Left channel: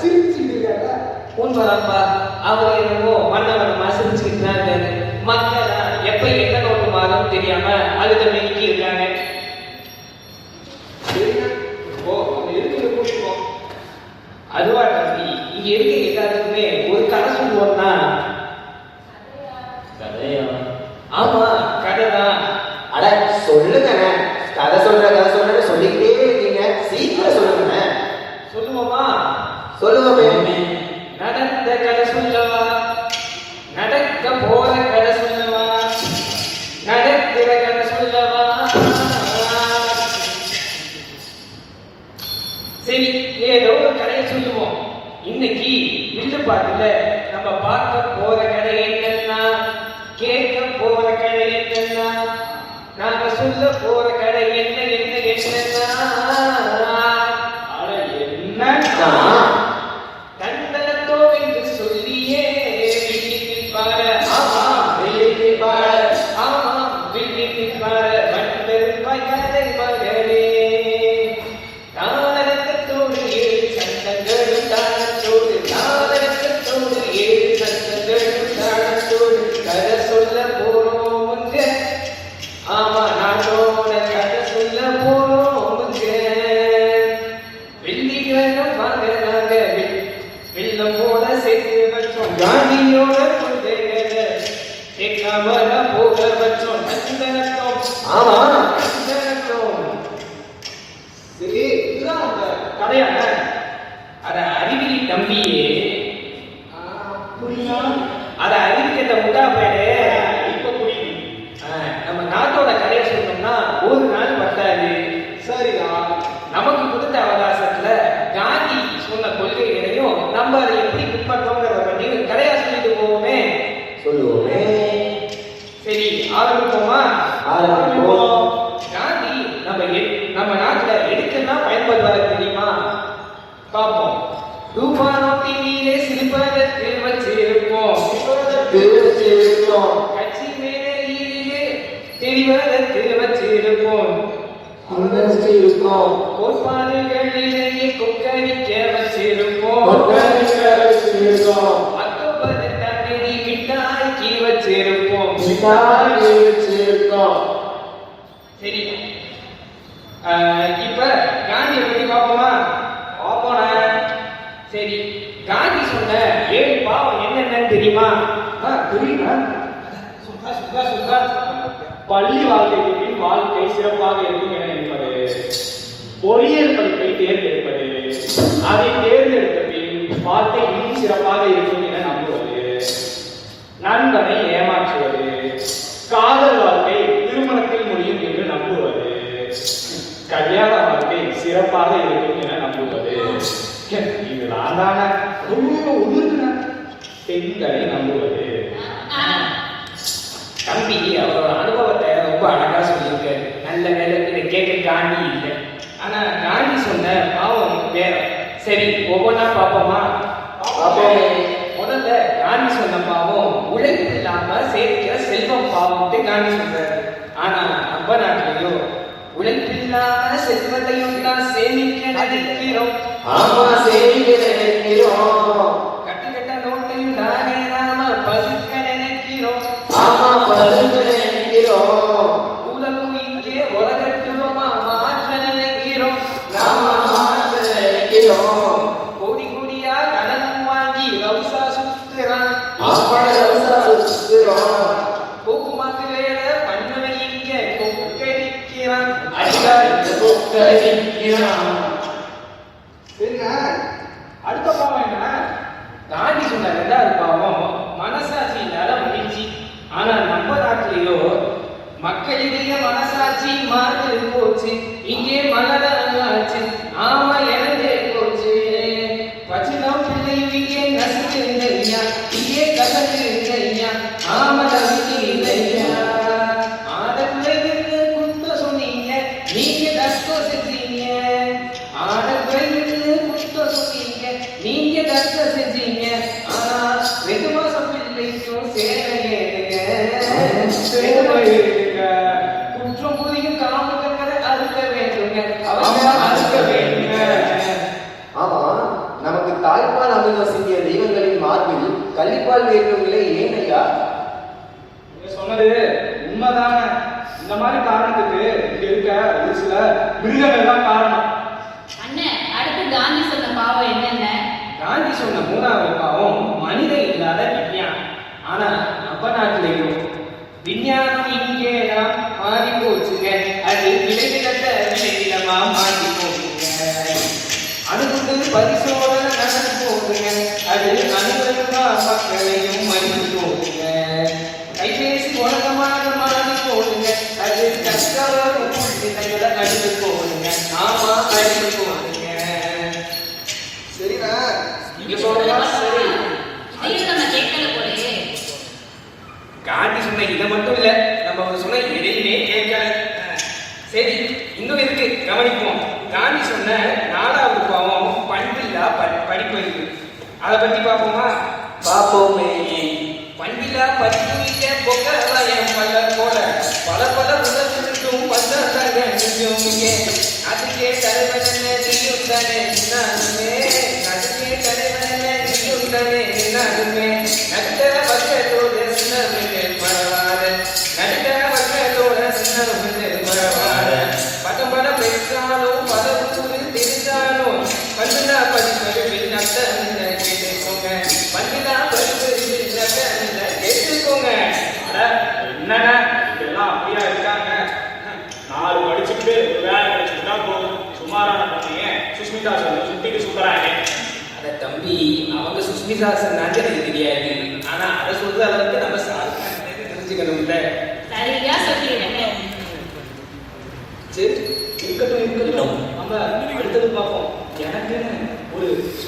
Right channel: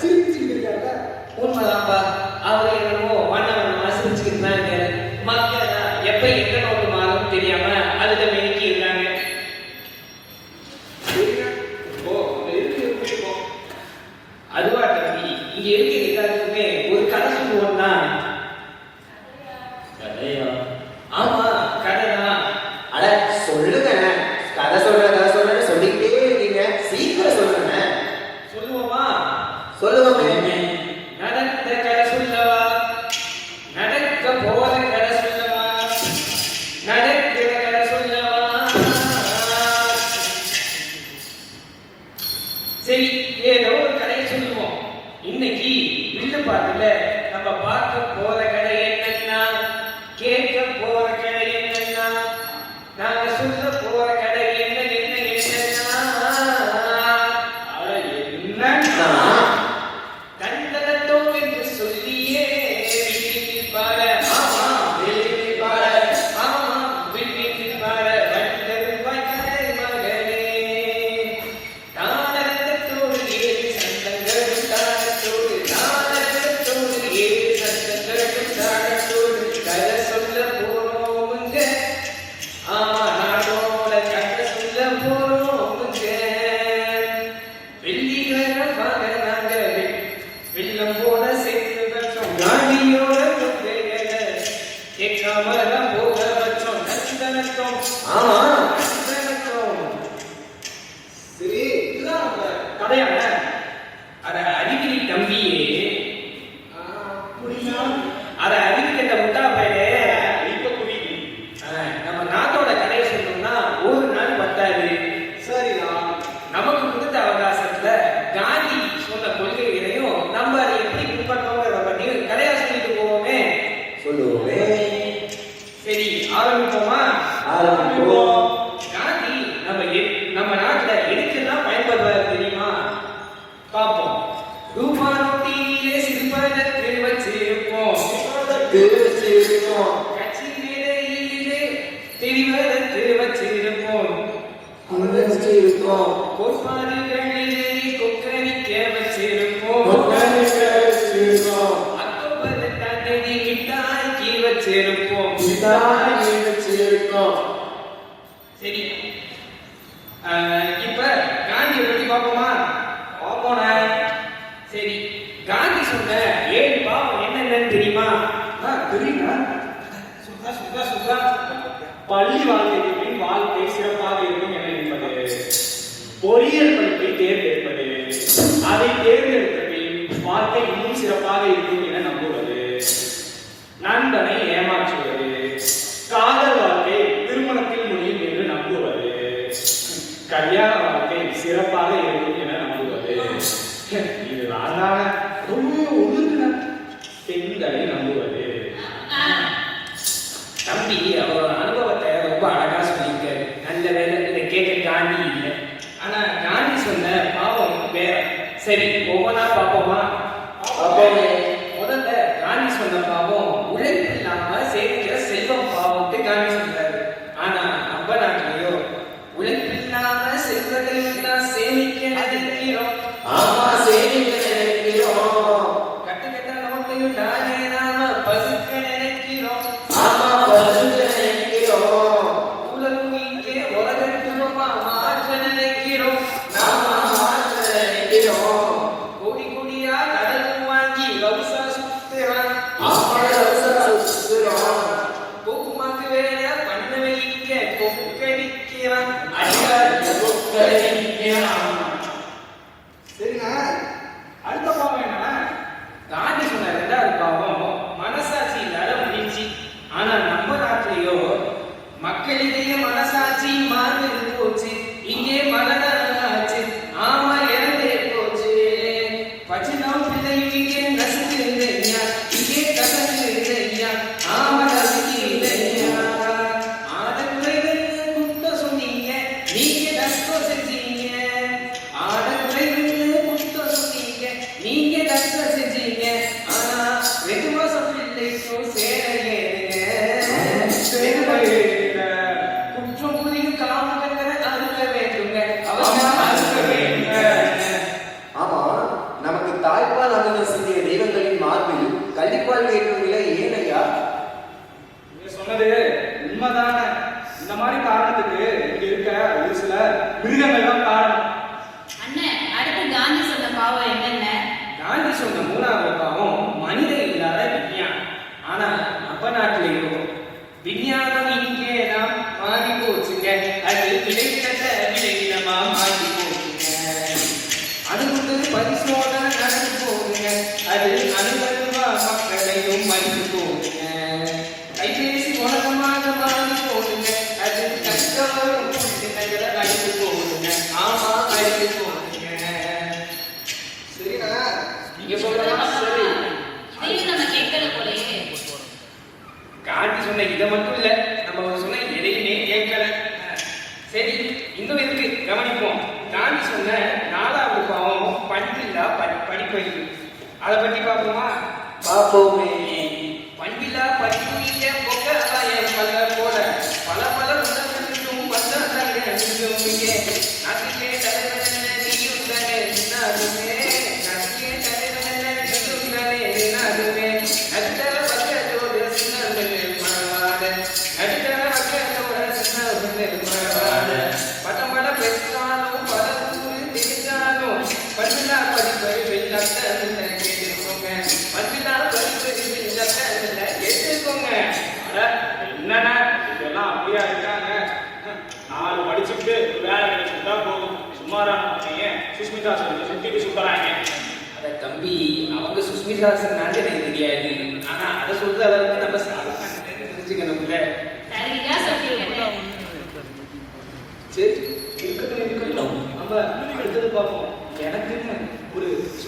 சிரிச்சுக்கிறீங்க உண்மைதான்ப்பா நல்ல போரை Yeah. சிதாரி வச்சிருக்கோம் சரி. இப்ப 这边，我跟他搞。आपके लिए मनसा जी मन గాంధీ boca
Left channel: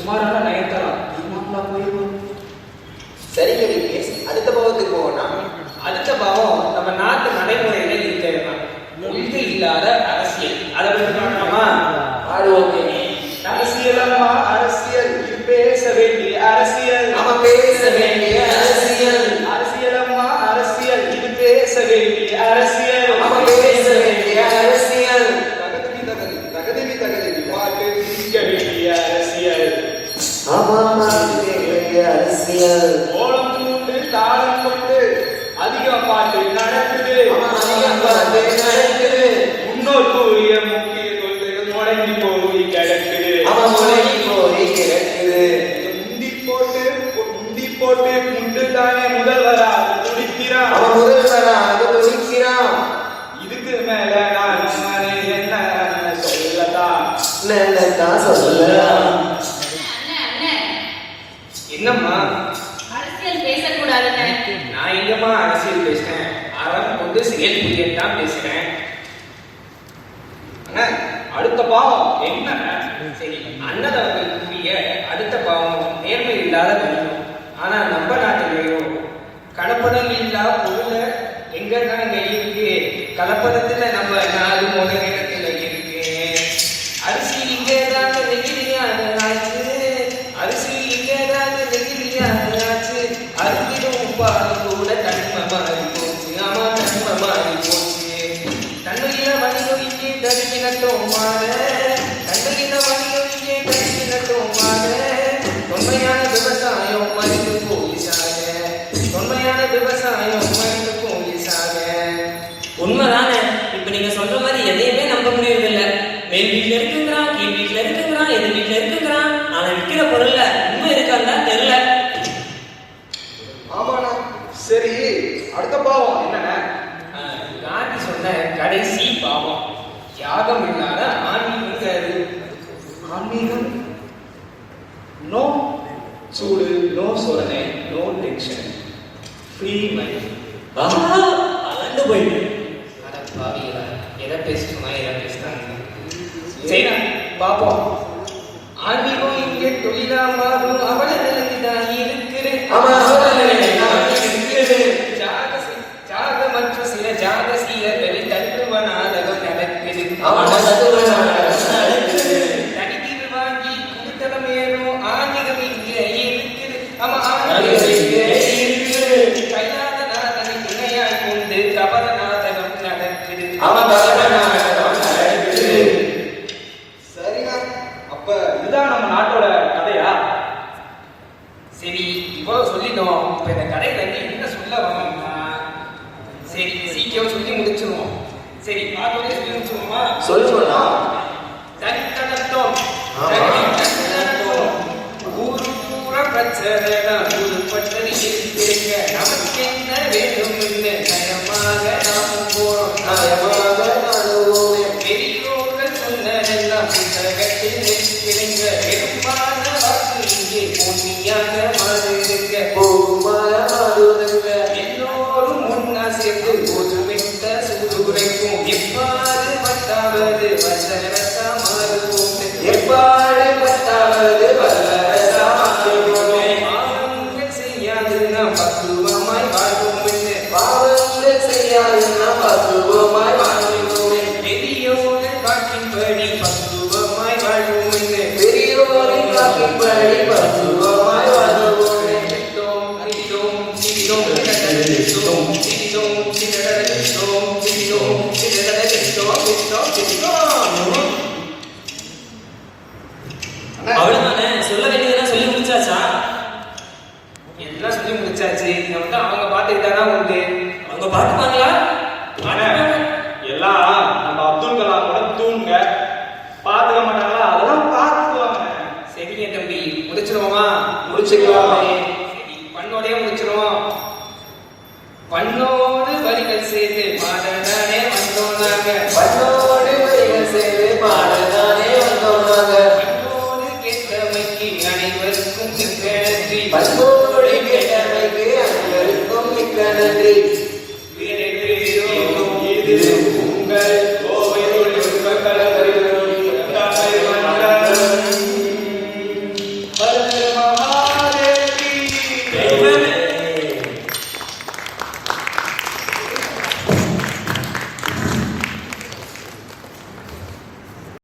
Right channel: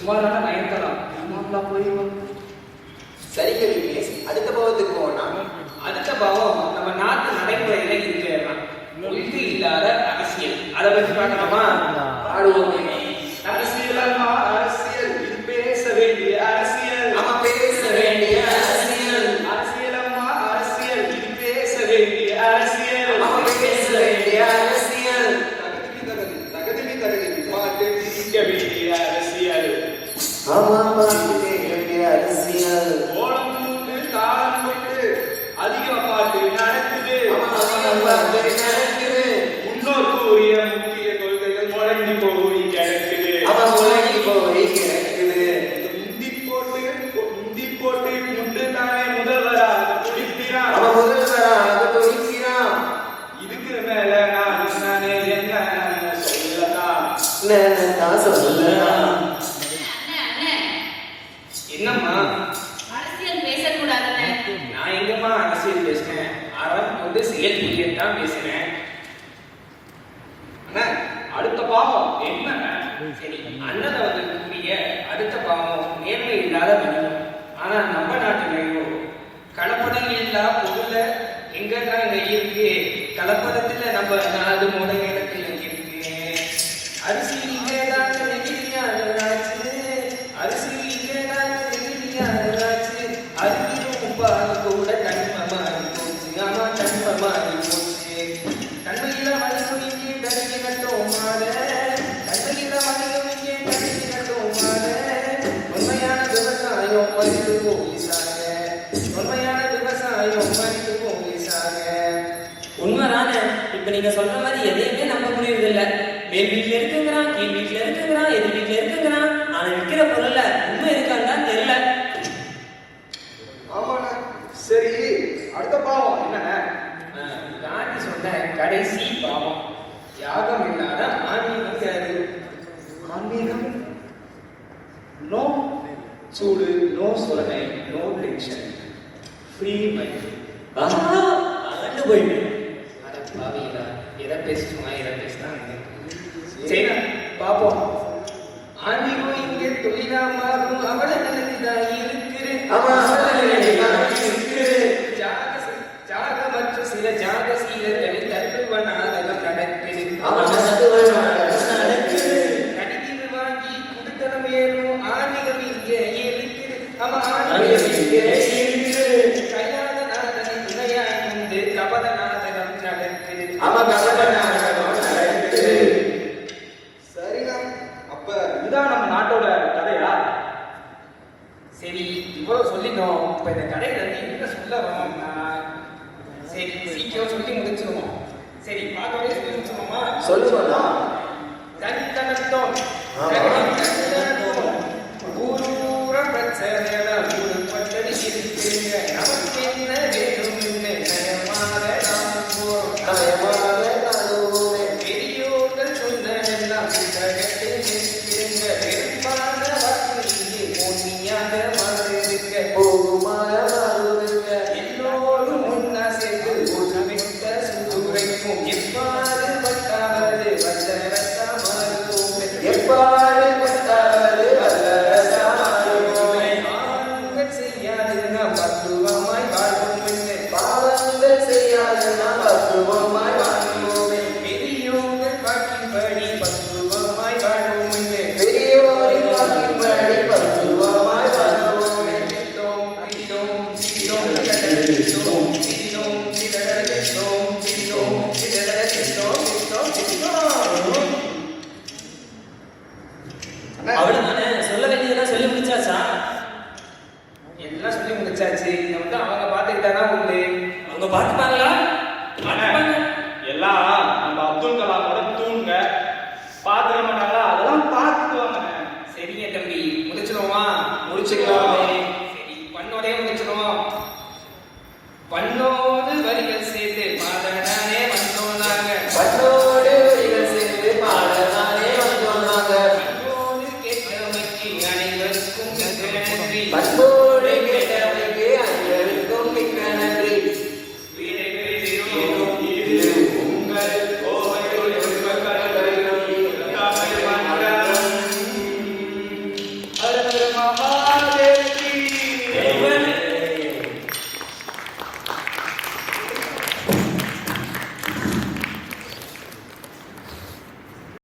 சுமாரான நயன்தாரா இவங்களா போய் சரி யாகம் இல்லாத ஆன்மீக அறிவு. ஆன்மீகம்? நோ சூடு நோ சோதனை நோ டென்ஷன் ஃப்ரீ மைண்ட் ஆனந்து போயிட்டு Se dijo que todo el solito, pero en carrera, que el solito, mamá, se decía que hoy soy un se dijo que hoy soy un muchacho, mamá. Yeah.